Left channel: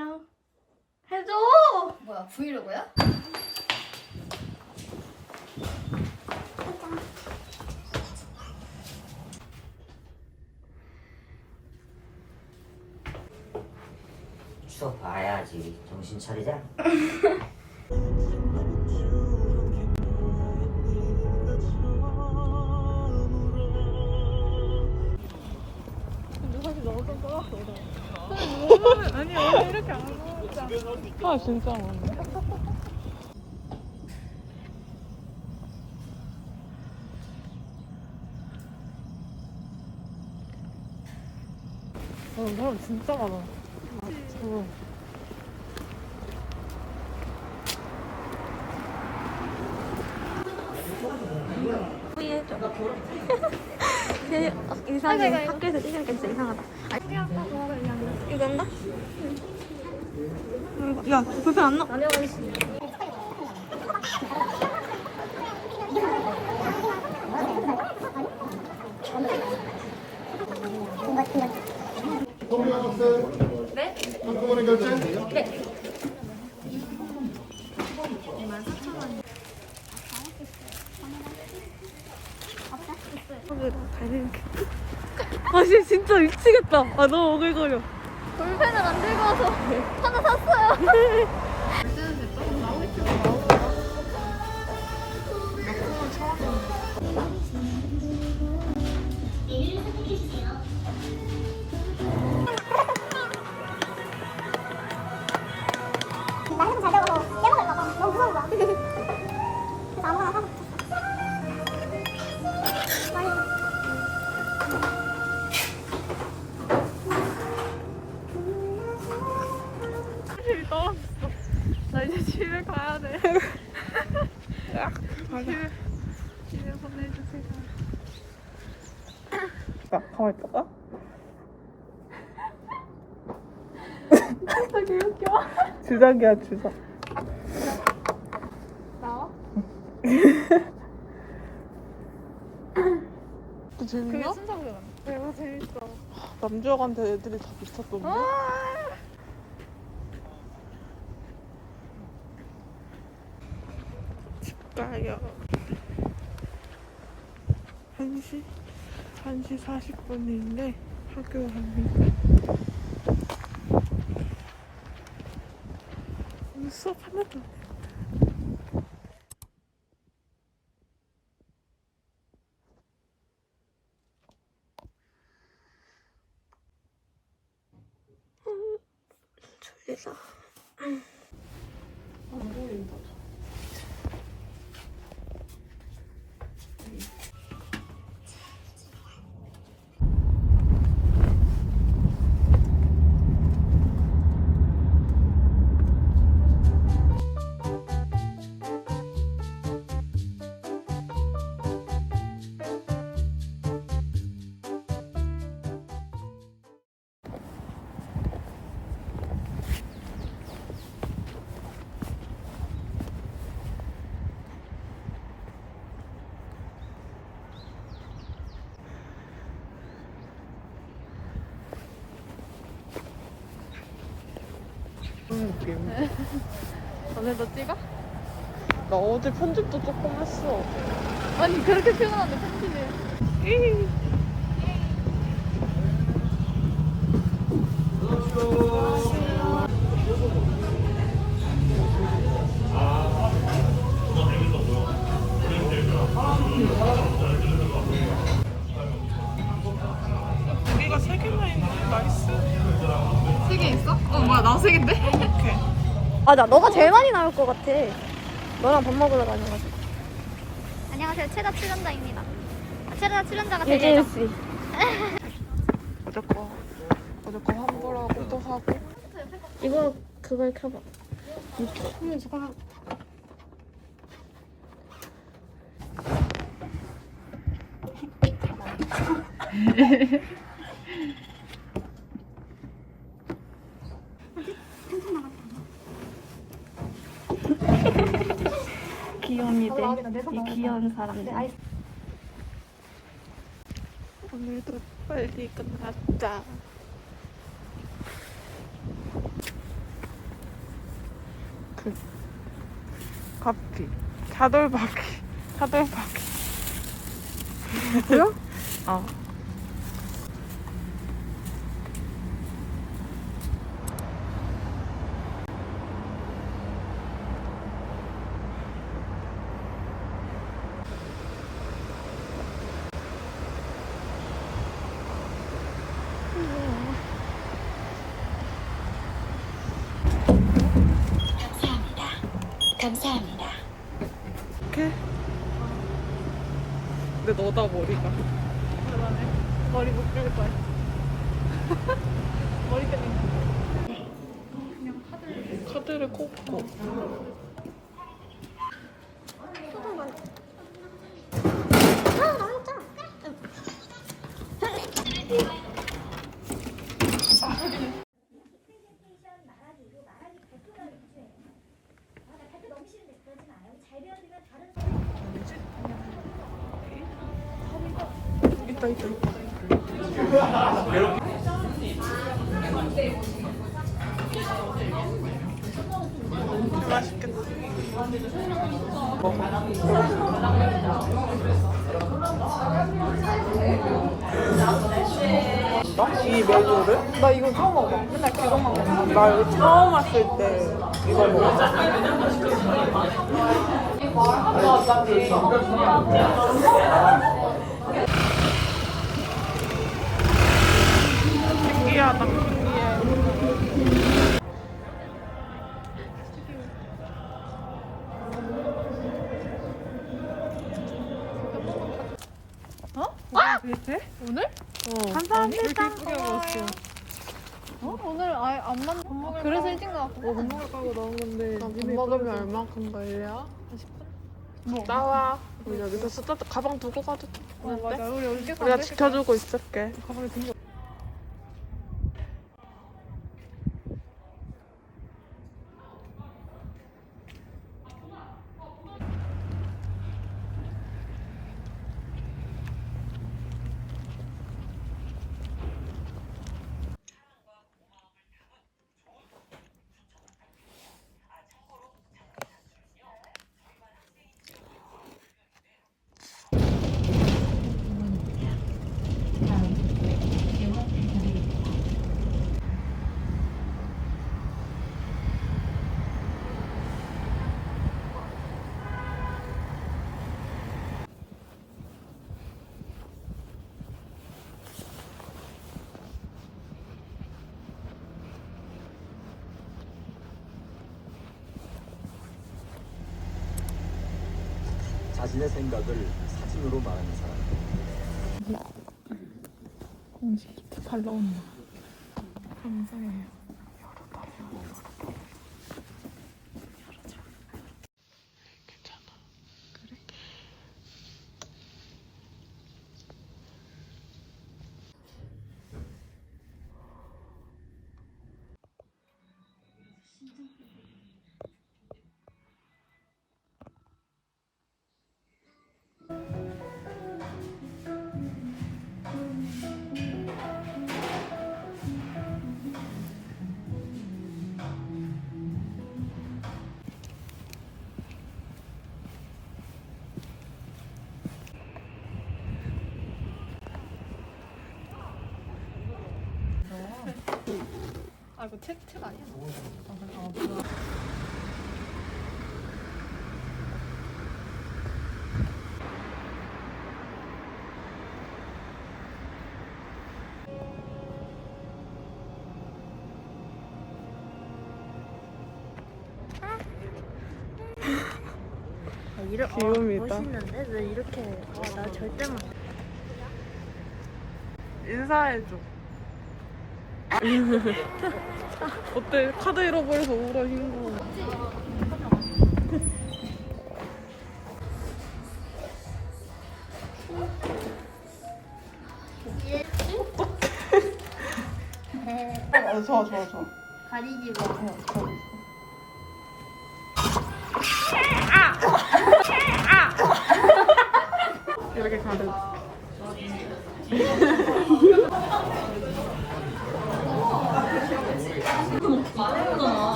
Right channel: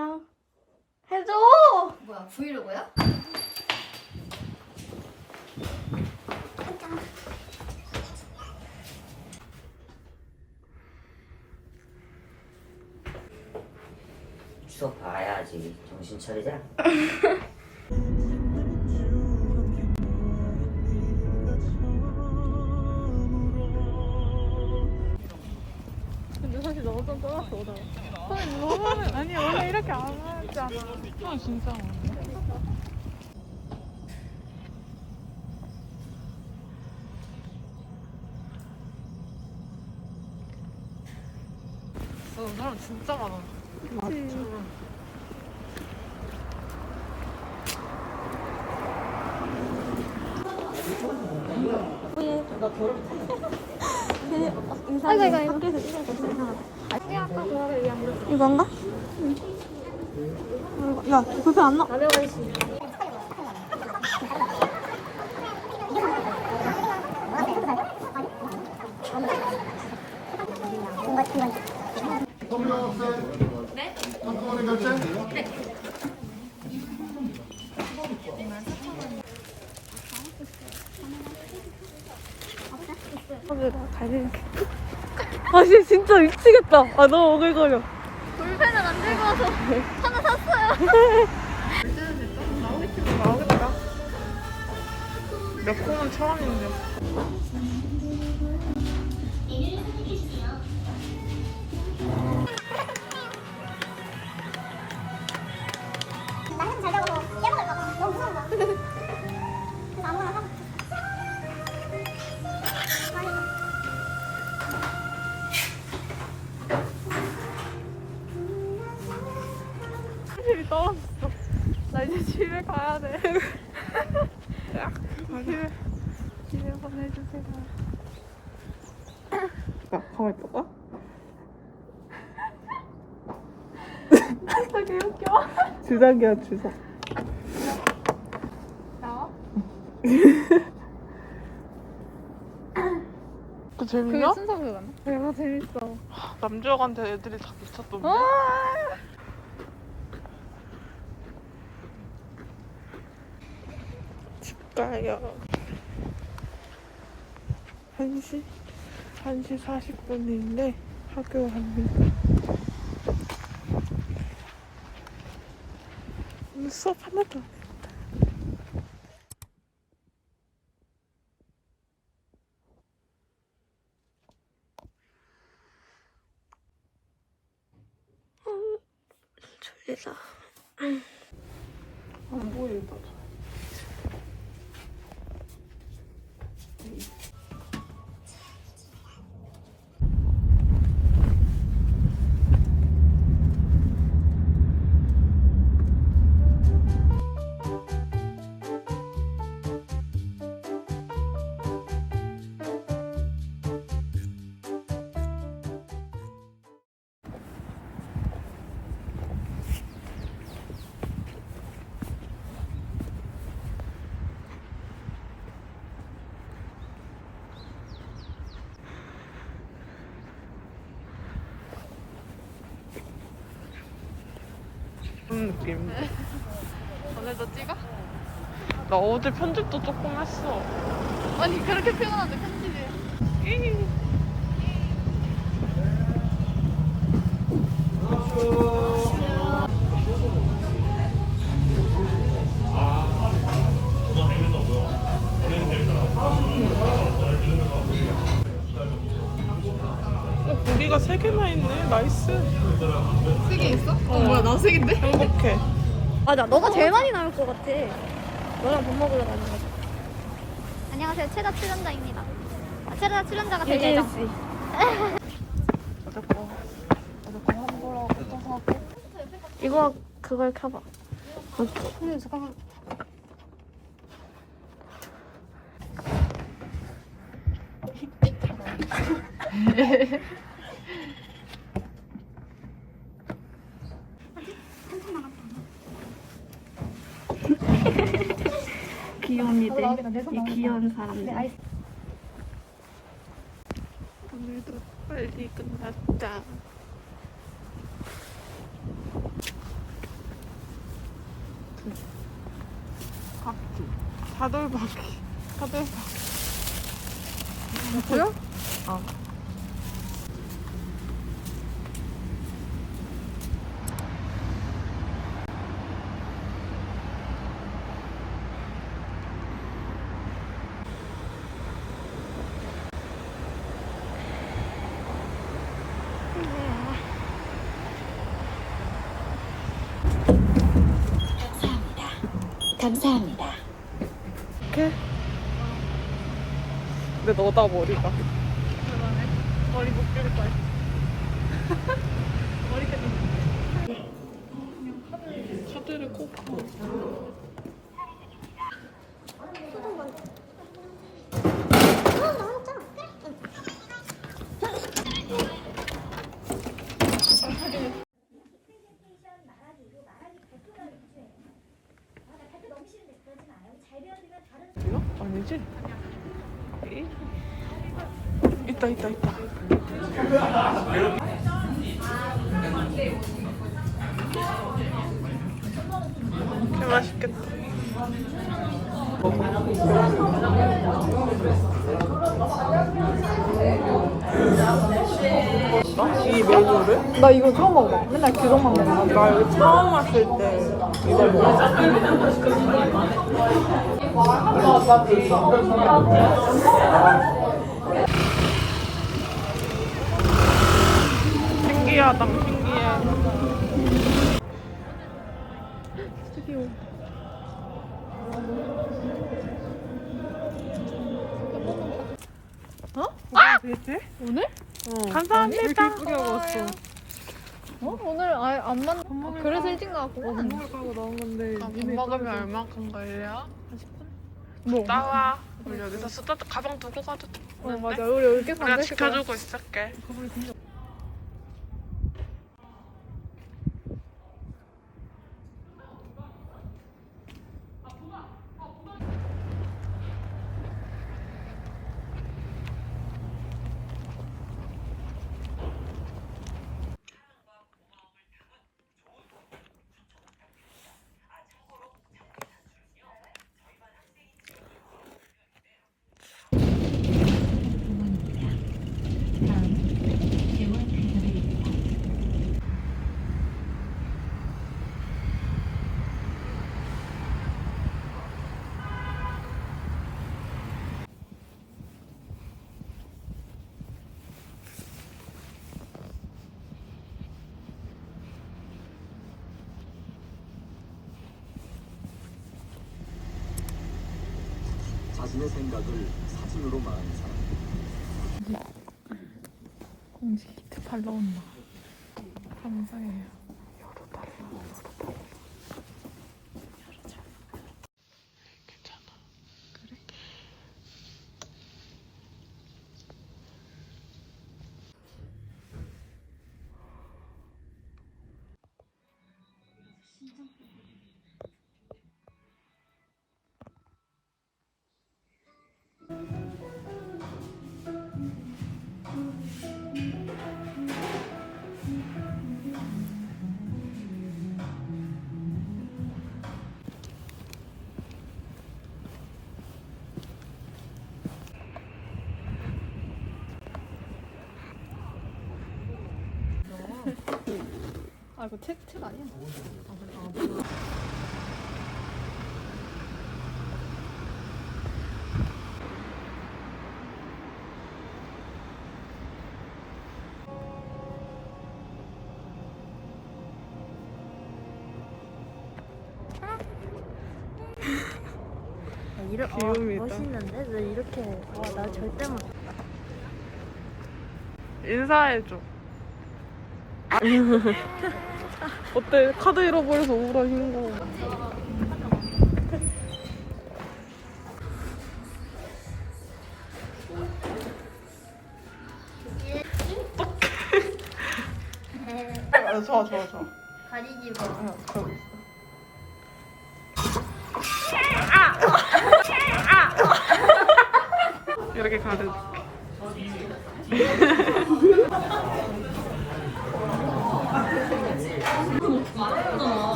안녕. 해줘. 뭐야 브이로그야? 수업 봐야지 정신 차리자 안 하잖아. 아 진짜 모르네. 어, 사람 진짜 많아. 맞죠. 후회해줘. 어, 이상해. 학교에서 찢어졌어. 이상하다. 아, 이건가? 응. 야, 불편 안 나? 게. 아, 씨, 진짜 미치겠다. 아, 너무 오글거려. 안 들고 와서 하나 샀어요. 나오겠지 나오겠다. 몇 콩은 처음인데. 떠왔어. 나 이제 집에 가야 돼. 집에, 집에서 해주세요. 나 가만히 있어봐. 되게 웃겨. 주작이야, 주작. 그 재밌냐? 이거 재밌어. 남주혁한테 애들이 다 미쳤던데? 집 가요. 1시, 1시 40분인데 학교 갑니다. 오늘 수업 하나도 안했 그런 느낌. 오늘도 찍어? 나 어제 편집도 조금 했어. 아니 그렇게 표현하는데 웃기네 고 개인데? 행복해. 맞아, 너가 제일 많이 나올 것 같아. 너랑 밥 먹으러 다녀가지고. 안녕하세요. 최다 출연자입니다. 아, 최다 출연자가 될 예정. 유진 씨. 어제 거, 어제 거 환불하고 또 사고. 이거 그걸 켜봐. 음, 잠깐만. 애기들, 이 귀여운 사람들. 오늘도 빨리 끝났다. 그 바퀴, 사돌 바퀴, 사돌 바퀴. 어. 감사합니다. 이렇게? 근데 너다 머리가. 머리 못 자를 거야. 카드를 꽂고. 아니지? 있다 있다 있다. 개 맛있겠다. 나? 이 메뉴를? 나 이거 처음 먹어. 맨날 그것만 먹어. 나 여기 처음 왔을 때 이거 먹었어. 신기하다, 신기해. 어? 돼? 오늘? 어. 감사합니다. 뿌려봤어. 어? 오늘 아예 안 만. 밥 먹을 그래서 일찍 나왔고. 어, 밥 먹을 까고 나온 건데 밥 먹으면 얼마큼 걸려? 뭐? 나와. 우리 여기서 수다 가방 두고 가도 어, 맞아. 되는데? 우리 여기 우리가 지켜주고 있을게. 가방에 든 거. 자신의 생각을 사진으로 말하는 사람. 감사해요. 아 이거 책, 책 아니야? 이러, 귀요미다. 멋있는데? 왜 이렇게 아, 나 절대 못 인사해줘. 어때? 카드 잃어버려서 우울한 흰거. 어떡해. 좋아, 좋아, 좋아. 다리기 뭐. 이렇게 가려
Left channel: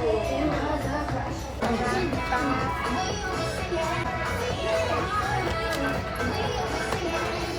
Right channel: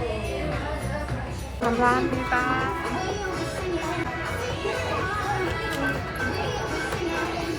Thank you.